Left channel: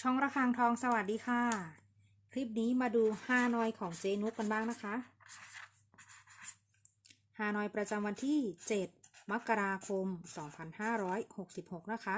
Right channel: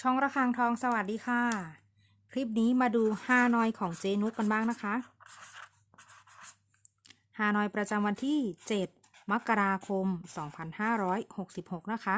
ช่องระฆังทองสวัสดีค่ะ คลิปนี้มาดูฮานอยของเจนุกกันบ้างนะคะฮานอยประจำวันที่ 7 มกราคม 2566 นะคะ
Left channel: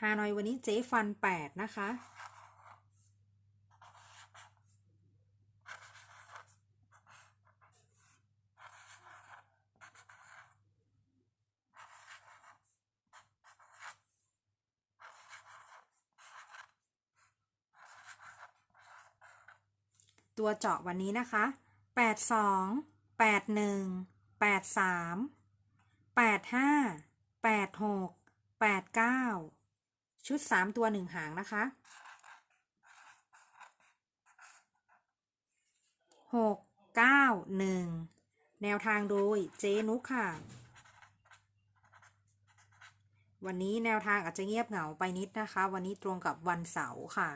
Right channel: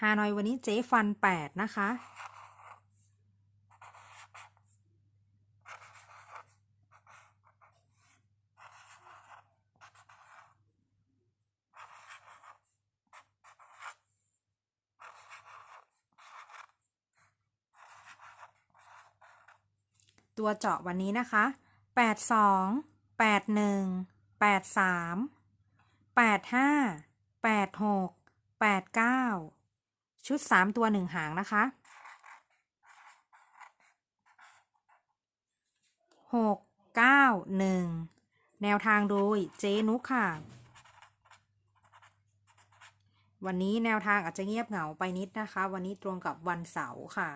ฮานอยวันนี้เจ๊ฟัน 8 นะคะ ตัวเจาะวันนี้นะคะ 82 81 83 85 86 89 ชุด 3 ตัว 1 หางนะคะ 6 9 1 แนวทางโดยเจนุกค่ะ วันนี้แนวทางอาจจะเงียบเหงาไปนิดนะคะ วันนี้ตรงกับวันเสาร์ค่ะ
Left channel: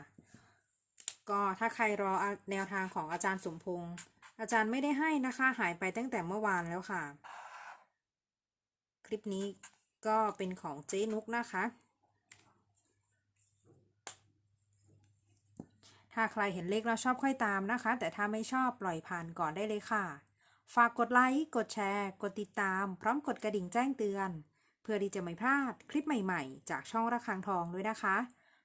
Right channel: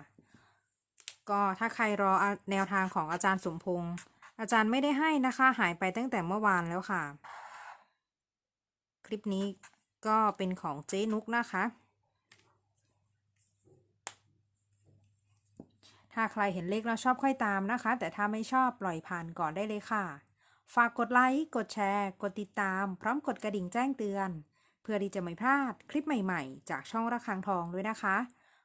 ก็ถ้าใครรอแนวทางของอาจารย์สมพงษ์อาจารย์ไม่ได้ให้นะคะหายไปตั้งแต่เมื่อวานแล้วค่ะ คลิปนี้ก็เป็นของเจ๊นุกนะคะ ถ้าใครเห็นเลขแล้วชอบค่อยตามนะคะ แต่ถ้าไม่ชอบปล่อยผ่านก่อนได้เลยค่ะ ฝากกดไลค์กดแชร์ กดติดตาม พร้อมกดกระดิ่งแจ้งเตือน เพื่อที่จะไม่พลาดคลิปใหม่ๆ จากช่องระฆังทองด้วยนะคะ